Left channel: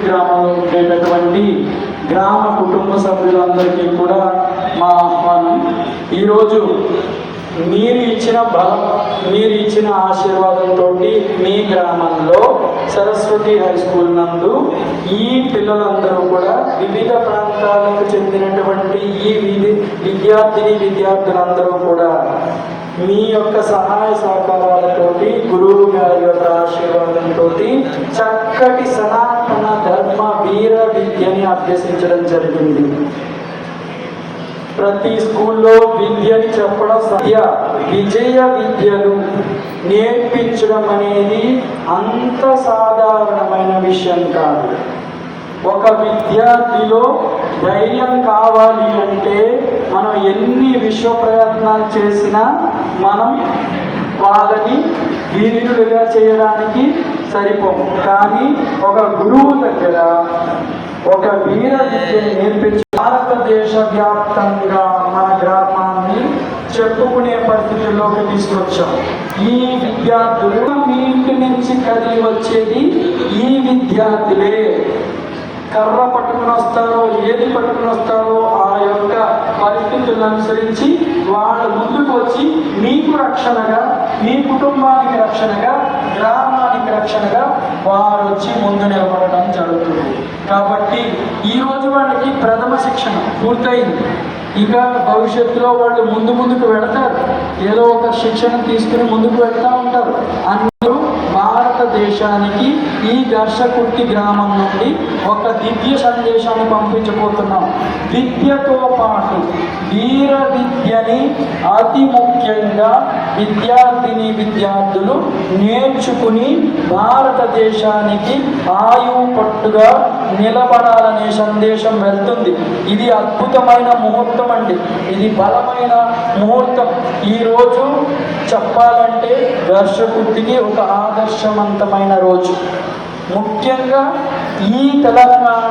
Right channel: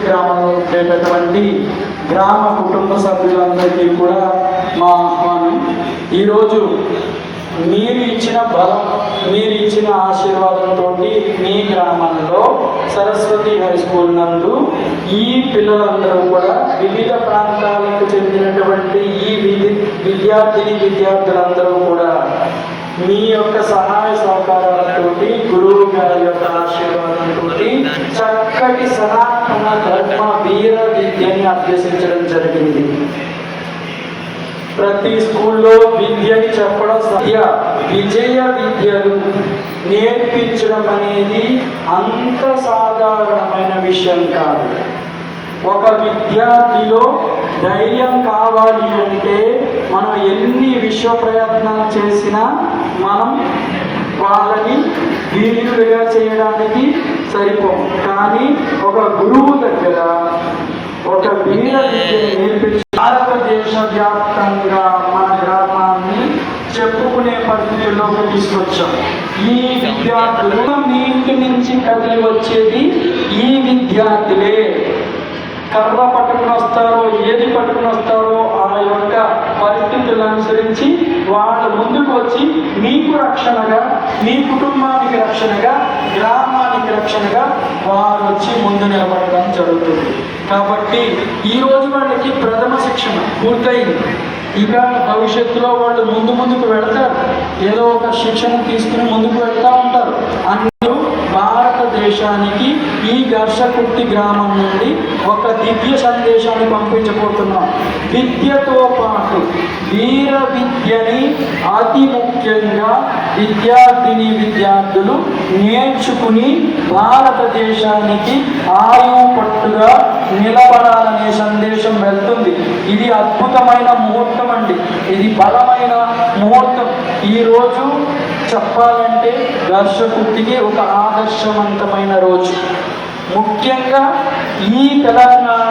గ్రామంలో ఉండేటటువంటి గ్రామ కుటుంబ సభ్యులందరికీ కూడా మా ఆహ్వానం. ఈరోజు మీరు ఇచ్చిన బలం, మీరు ఇచ్చిన ఆశీర్వాదంతో మీ గ్రామంలో సరస్వతి హై స్కూల్ నందు ఈ పిల్లలందరూ కూడా వివిధ ప్రాంతాలకు చెందినటువంటి ఈ విద్యార్థులందరూ కూడా మీ యొక్క సహాయ సహకారాలతో, గురువు గారి యొక్క ఆశీర్వాదంతో చక్కటి సనాతన ధర్మ వీర విద్యని అభ్యసించడం జరిగింది. ప్రతి స్కూల్లో విద్యని చెప్పడం విజయ విద్యలు నేర్పించడం అనేది అంత సాధారణమైన విషయం కాదు. ఒక విద్యార్థిలో ధైర్యం కావాలి అంటే మనం ఎన్ని విశ్వ ప్రయత్నాలు చేసినా మనం వాళ్ళని వీరులుగా చేయడానికి సరిపోము. కానీ ఒక గురువు దగ్గర ఒక వీర విద్యను నేర్పించి భారతదేశ వ్యాప్తంగా మన గ్రామాన్ని చెప్పుకునే పరిస్థితుల్లోకి తీసుకొచ్చాం. ఈ విద్యార్థులు మీ ఇంటి నుంచి కదిలి వచ్చేది ఈ విద్యార్థులే. కర్ర పట్టుకుని వస్తారో, ఏది పట్టుకుని వస్తారో ఆ యొక్క పరిస్థితులను అనుసరించి వాళ్ళు ముందుకు వచ్చి మీకు రక్షణగా, మీ కుటుంబానికి రక్షణగా, గ్రామానికి రక్షణగా వారు వచ్చి ముందు నిలబడడం జరుగుతుంది. కాబట్టి ఈరోజు వాళ్ళకి ప్రథమ శిక్షణ పూర్తయింది. ఇక భవిష్యత్తులో వాళ్ళు ముందుకు వెళతారు. ఏదో ఒక శిక్షణ తీసుకుని ముందుకు వెళ్తూ ఉంటారు. అందరూ భారతదేశానికి ఈ ఘర్షకుర్తి గ్రామం నుండి ఒక దివ్య సందేశాన్ని పంపించబోతున్నాం. విద్యతో పాటు వీర విద్యని అతి ముఖ్యంగా విద్యార్థులు నేర్చుకుని భారతదేశానికి ఆయువు పట్టుగా నిలబడాలనే సందేశం వెళ్తుంది. ఇది అద్భుతమైన ముహూర్తం అండి. ఇది బలమైన ముహూర్తం. ఈరోజు చెప్పాలంటే ఘర్షకుర్తికి ఒక ఆదర్శవంతమైన రోజు. ముఖ్యంగా ఈ తెలంగాణ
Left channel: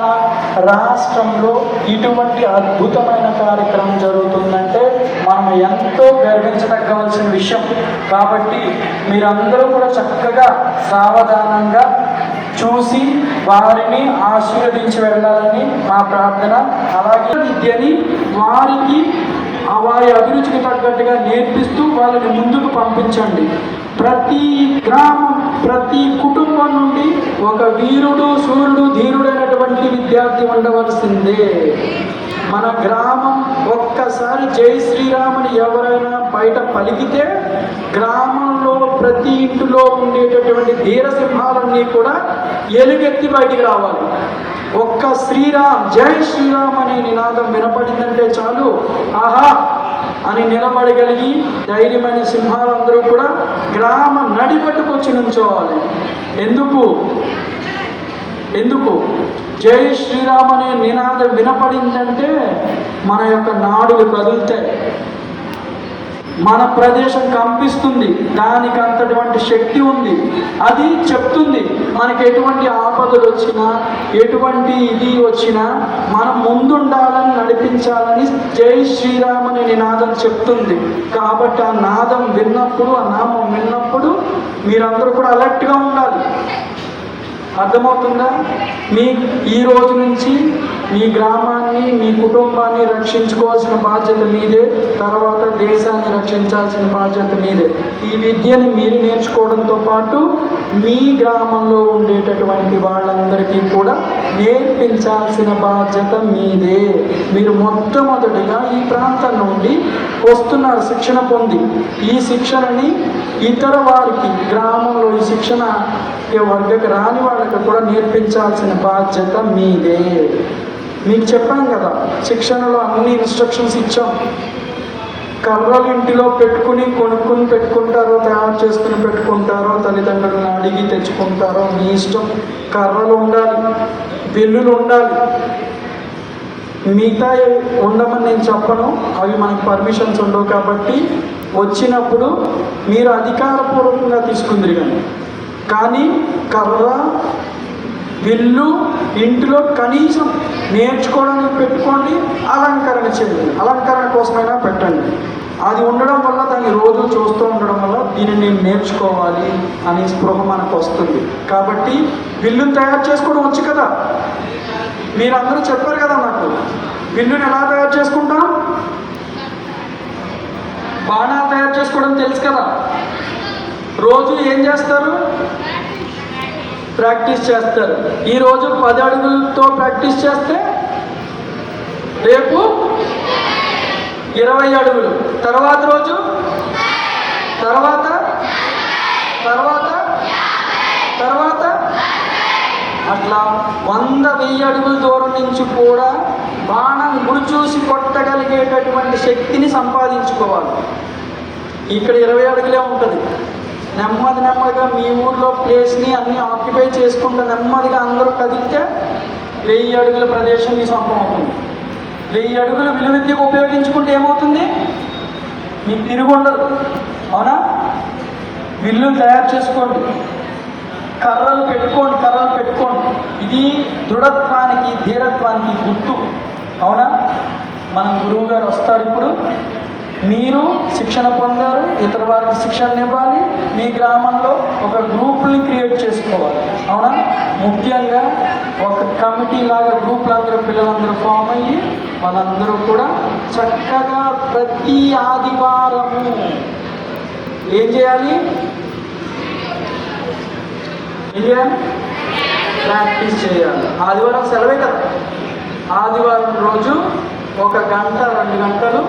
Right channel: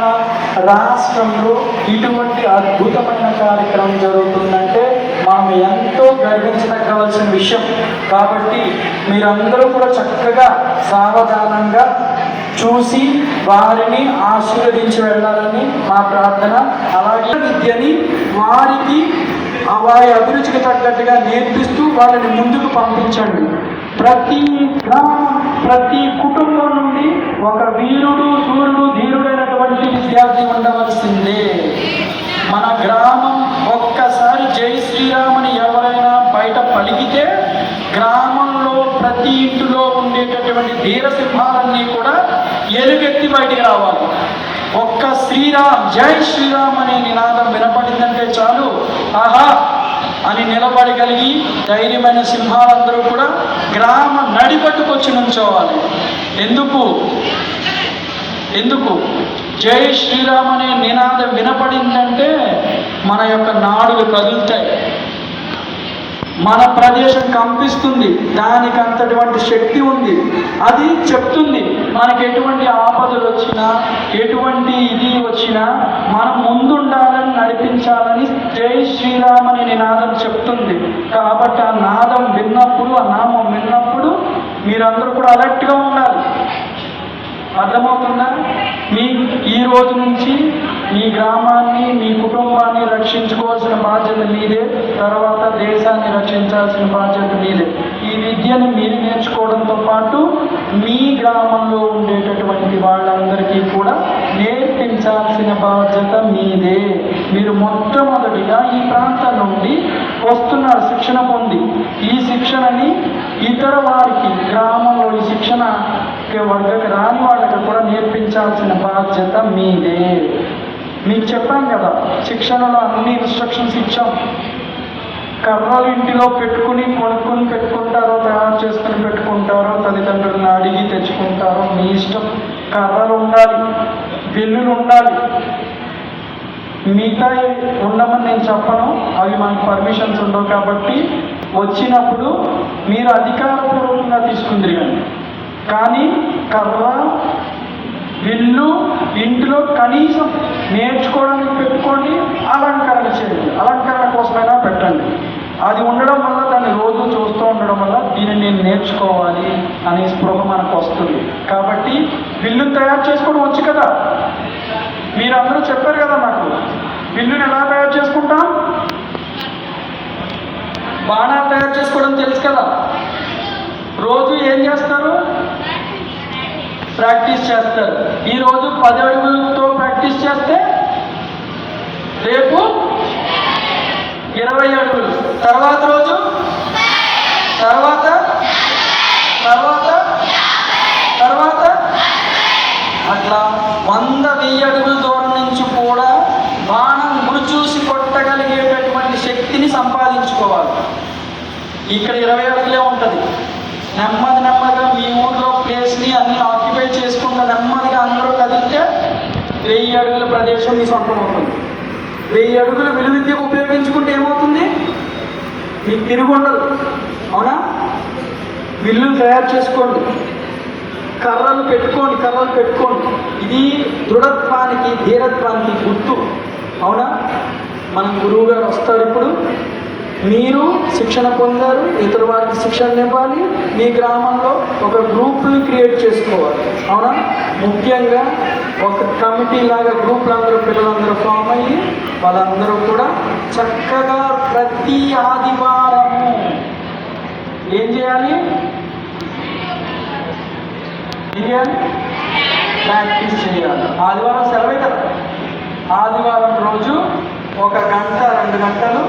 రాష్ట్రంలో ఇటువంటి అద్భుతమైన కార్యక్రమం జరుగుతుందంటే మనం ఎంతో గర్వించదగ్గవలసిన విషయం. కాబట్టి మీరందరూ కూడా చక్కగా సావధానంగా చూసి వారిని ఆశీర్వదించి వెళ్ళాలని మా ప్రార్థన. అలాగే విద్యని వారికి వారి అభిరుచికి తగ్గట్టుగా నేర్పిస్తూ వాళ్ళని ముందుకు పంపించండి. ప్రతి గ్రామం, ప్రతి కుటుంబం నుండి ఒక వీరుడు, సూర్యుడు, ధీరుడైనటువంటి విద్యార్థి ఉండవలసిందే. మన గ్రామం ఒక్కసారి జై శ్రీరాముని ఎవరైనా బయట పలికితే గ్రామంలో ప్రతి ఇంటిలో ఉండేటటువంటి ధీరసింహాలన్నీ కూడా ఎలుగెత్తి బయటికి రావాలి. ఒక్క శ్రీరామ్, జై శ్రీరామ్ అనే నినాదం వినపడిందంటే చాలు, ఆహా అని నిలబడగలిగి ధైర్యమైన సింహాలందరూ కూడా గ్రామం నడిపట్టుకొచ్చి నుంచోవాలి. ఎందుకు జై శ్రీరామ్ అనే నినాదం వినపడిందంటే మన యొక్క నాడులు కదులుతాయి, మన ప్రదేశం కంపిస్తుంది. దానికి అంతటువంటి శక్తి ఉంది. అది చెప్తుంది మనకి ఎటువంటి ఆపదలు వచ్చినా, ఎటువంటి ఇది వచ్చినా మనం ముందుండాలని, నడిపించాలని జై శ్రీరామ్ అనే నినాదం చెప్తుంది. కాబట్టి ఆ నాదం విన్నప్పుడు, ఆ నామం విన్నప్పుడు మీరందరూ కూడా అలర్ట్గా ఉండాలి. అర్థమవుతుందా? ఈ రోజు నుంచి మీ గ్రామాన్ని, మీ కుటుంబాన్ని రక్షించుకోవాల్సిన బాధ్యత మీదే. తర్వాత దేశాన్ని రక్షించాల్సిన బాధ్యత మీదే. ఈ విద్యను మీరు నేర్చుకోవడంతో పాటు మీ గ్రామంలో ఉండేటటువంటి వాళ్ళందరికీ కూడా నేర్పించాల్సిన బాధ్యత మీదే. మీరు మొట్టమొదటిగా ఈ ప్రాంతం నుండి వస్తున్నారు శిక్షణ పొంది. ఈ శిక్షణని ఇతర వారికి, గ్రామంలో ఈ శిక్షణ వాళ్ళకి రాని వాళ్ళకి కూడా నేర్పించాల్సిన బాధ్యత మీదే. మీకు చెప్పాను కదా, శిక్షణలో అన్ని ఇన్స్ట్రక్షన్స్ ఇచ్చాం. కర్రలు ఇంటిలో కొనుక్కుని పెట్టుకుంటారో, తయారు చేసుకుని పెట్టుకుంటారో, తల్లిదండ్రులను అడిగి తెచ్చుకుంటారో మీ ఇష్టం. కర్రలు ఉండాలి, బిల్లులు ఉండాలి. మిగతా ఉండమని నేను చెప్పను, అవి మనకు పర్మిషన్స్ ఉండవు. కాబట్టి వచ్చినప్పుడు మీరు అధికారపూర్వకంగా తీసుకుంది కానీ కర్ర, బిల్లు ఇంటిలో కనీసం నేర్చుకోవడానికి పెట్టుకోండి. అలంకరణ చేయండి, అలంకరణ కోసమైనా పెట్టండి. అది ఉండడం వల్ల, దాన్ని రోజు చూస్తూ ఉండడం వల్ల దీన్ని నేను నేర్చుకోవాలి అనే స్పృహ మనకు వస్తుంది. కాబట్టి బిల్లు తయారు చేసుకోవడం వచ్చు కదా, మీరందరూ చెప్పారు కదా నాకు, విల్లుని ఎలా తయారు చేసుకుంటాం? బాణాలు తయారు చేసుకోవడం తెలుసు కదా. రోజు ఏం చేస్తారు? ప్రాక్టీస్ చేస్తారు. ఈరోజు 10 అడుగులతో ప్రాక్టీస్ చేస్తే రేపు 20 అడుగులు, తర్వాత రోజు తర్వాత తర్వాత తర్వాత అట్లా 100-1000 అడుగుల దూరం నుంచి కూడా బాణం గురి చూసి కొట్టగలిగేటటువంటి శక్తిని సంపాదించుకోవాలి. ఇక్కడ 20 అడుగులే ఉంటుంది. నెమ్మదిగా మీ ఊర్లో ప్లేస్ని అన్ని ఆక్యుపై చేసుకుంటూ నెమ్మదిగా అందరూ కదిలితే 1000 అడుగుల ప్రదేశం మీ సొంతం అవుతుంది. 1000 అడుగుల విలువిద్యకు ఉపయోగించుకుంటే ఏమవుతుంది? మీకు తిరిగి ఉండదు. అవునా? విల్లులు తయారు చేసుకోండి, కర్రలు పెట్టుకోండి. ఇది దృఢత్వానికి, ధీరత్వానికి గుర్తు. అవునా? మన గురువు గారు వస్తారు. ఇప్పుడు మీరు శిక్షణ పొందారు, ఇతర వారికి శిక్షణ ఇవ్వాలి. మీ గ్రామంలో ఒక గ్రూప్ని క్రియేట్ చేసుకోవాలి. అవునా? ముఖ్యంగా ఒక కమిటీ లాగా గ్రూపులందరూ పిల్లలందరూ ఫామ్ అయ్యి వాళ్ళందరూ కూడా చక్కగా ప్రతి ఆదివారము ఏం చేయాలి? ప్రాక్టీస్ చేయాలి. ఆదివారం సెలవే కదా. ఆదివారం రోజు 1 గంట 2 గంటలు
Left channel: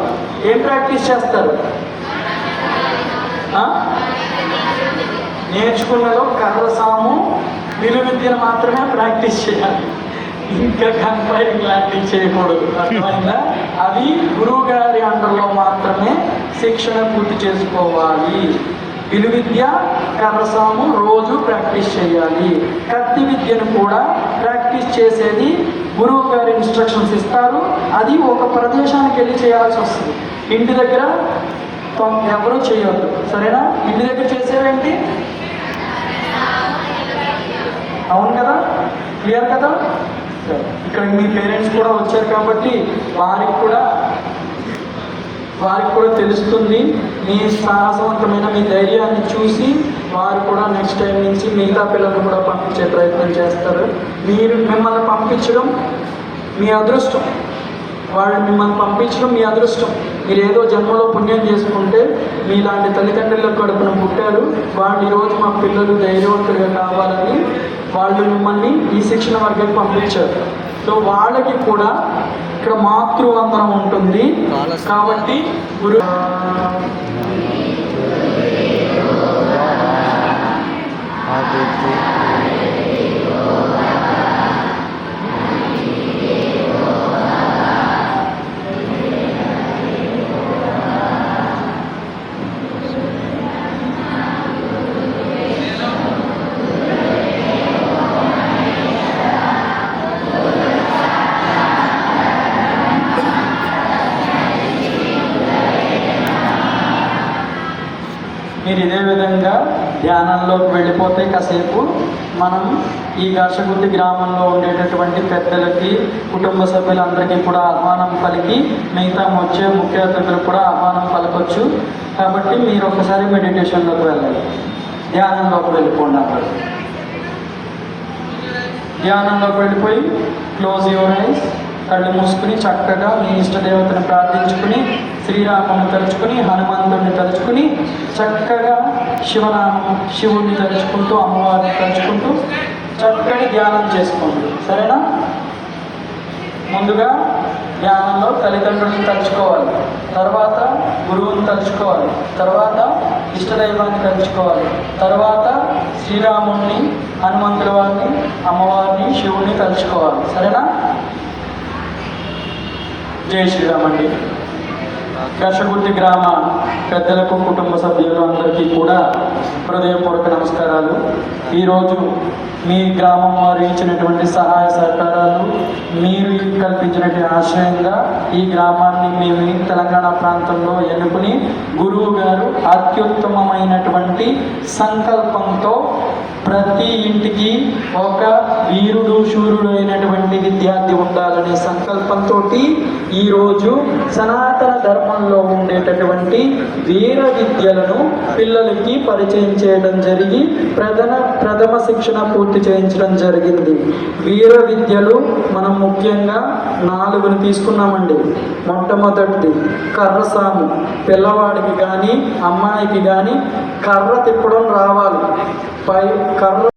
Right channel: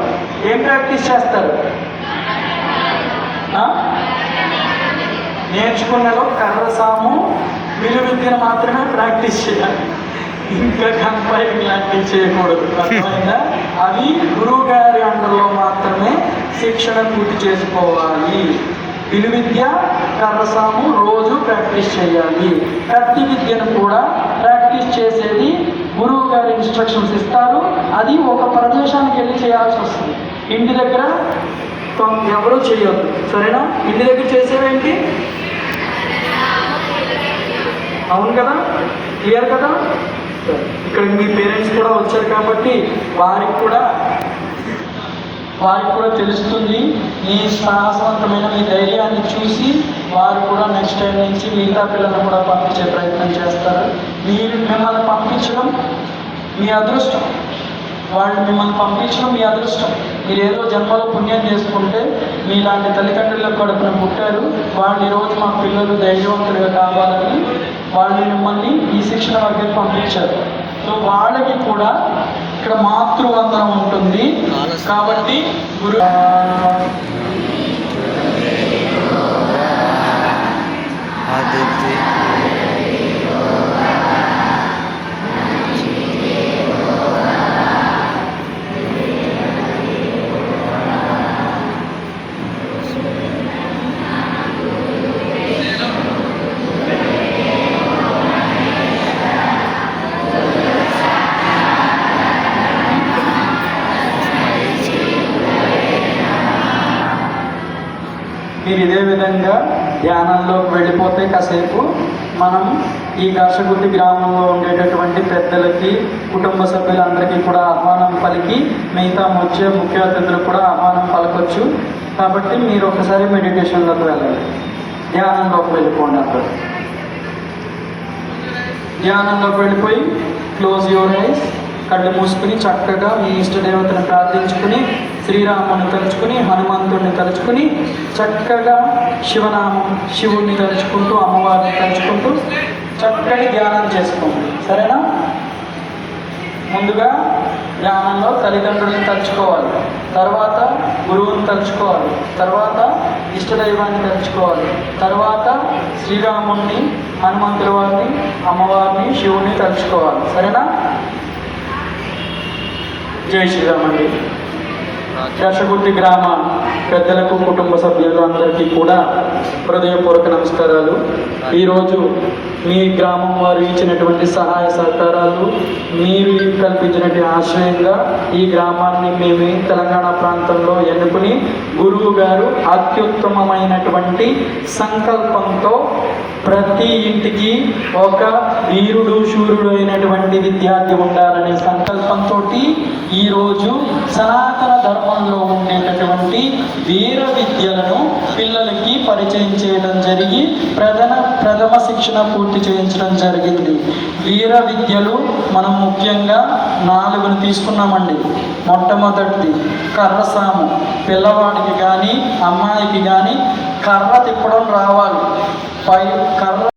ఏం ప్రాక్టీస్ చేస్తారు? నేర్చుకున్నలో కర్ర సాము విలువిద్యను మాత్రమే ప్రాక్టీస్ చేయాలి. ఇంకా కంపైరింగ్ లాంటివి చేయకూడదు. అర్థమైందా? అవి గురువు గారి అండర్లో మాత్రమే శిక్షణ పూర్తి చేసుకోవాలి. విలువిద్య, కర్రసాము రోజు ప్రాక్టీస్ చేయాలి. కత్తి విద్యను కూడా ప్రాక్టీస్ చేసేది గురువు గారు ఇన్స్ట్రక్షన్స్ ఇస్తారు. అది ఒక ప్రదేశానికి వెళ్ళి చేయాల్సి వస్తుంది. ఇంటి దగ్గర ఎవరూ చేయొద్దు. సరేనా? ఇంటి దగ్గర చేసేవేంటి? అవును కదా? క్లియర్ కదా? ఇక్కడ మీ పేరెంట్స్ కూడా వచ్చారు కాబట్టి వారికి కూడా తెలుస్తుంది. మీ సాహసవంతమైన మీ ధైర్యాన్ని చూసి వారు కూడా నెక్స్ట్ టైం నుంచి మిగతా పిల్లలను కూడా పంపించే ప్రయత్నం చేస్తారు. మిమ్మల్ని పంపించడం మీ అదృష్టం. వాళ్ళు మిమ్మల్ని పంపించడం మీ అదృష్టం. మీరు ఏదో జన్మలో పుణ్యం చేసుకుంటే మీలాంటి తల్లిదండ్రుల కడుపున పుట్టారు. వాళ్ళు ఈరోజు మా పిల్లలు ధైర్యవంతులుగా కావాలని వాళ్ళు మిమ్మల్ని ఈ శిక్షణ వర్గానికి పంపించారు. సో వాళ్ళకి కూడా ఇక్కడ మాతృవందనం ఉంటుంది. కాబట్టి గురు మీరు ఇదే విధంగా ధ్యానంలోకి వెళ్ళిపోతే కాసేపు మనం ఈ ఘర్షగుత్తి గ్రామంలో ఉండేటటువంటి పెద్దలకి, కుటుంబ సభ్యులందరికీ కూడా ఆహ్వానం పలికి మిగతా వచ్చే ముఖ్య అతిథులకు కూడా ఆహ్వానం పలకొచ్చు. కాబట్టి మీరు ఒకసారి మెడిటేషన్లోకి వెళ్ళాలి. ధ్యానంలోకి వెళ్ళిపోండి. అక్కడ ధ్యానంలోకి వెళ్ళిపోయి క్లోజ్ యువర్ ఐస్, కళ్ళు మూసుకుని చక్కగా మీ ఇష్టదేవతను ప్రార్థించుకుని, శ్రీరాముని తలుచుకుని, హనుమంతుడిని తలుచుకుని, చక్కగా శివనామం, శివుడిని తలుచుకుంటూ, అమ్మవారిని తలుచుకుంటూ చక్కటి ధ్యానం చేసుకోండి. సరేనా? ముందుగా ధ్యానంలో తల్లిదండ్రులను తలుచుకోవాలి, తర్వాత గురువుని తలుచుకోవాలి, తర్వాత ఇష్టదైవాన్ని తలుచుకోవాలి, తర్వాత శ్రీరాముడిని, హనుమంతుల వారిని, అమ్మవారిని, శివుడిని తలుచుకోవాలి. సరేనా? జై శ్రీరామ్ అండి. ఘర్షగుత్తి గ్రామ పెద్దలకు, కుటుంబ సభ్యులు అందరికీ కూడా హృదయపూర్వక నమస్కారాలు. ఈరోజు మీ గ్రామం వారు ఇచ్చినటువంటి సహాయ సహకారాలు, మీరు కల్పించినటువంటి ఆశ్రయంగా ఈ గ్రామాన్ని మేము తెలంగాణ ప్రాంతంలో ఎన్నుకుని గురువు గారు అత్యుత్తమమైనటువంటి సంకల్పంతో ప్రతి ఇంటికి ఒక వీరుడు, శూరుడు అయినటువంటి విద్యార్థి ఉండాలనే సంకల్పంతో ఈరోజు సనాతన ధర్మం గ్రామాల్లో ఉండేటటువంటి వీర విద్యలను పిల్లలకి పరిచయం చేయడం జరిగి ప్రథమ శిక్షణ పూర్తి చేయించడం జరిగింది. వీర విద్యలు మనం ముఖ్యంగా 4 తీసుకున్నామండి. మొట్టమొదటిది కర్రసాము. పిల్లవాడికి కానీ అమ్మాయికి కానీ కర్ర తిప్పడం రావాలి. కర్ర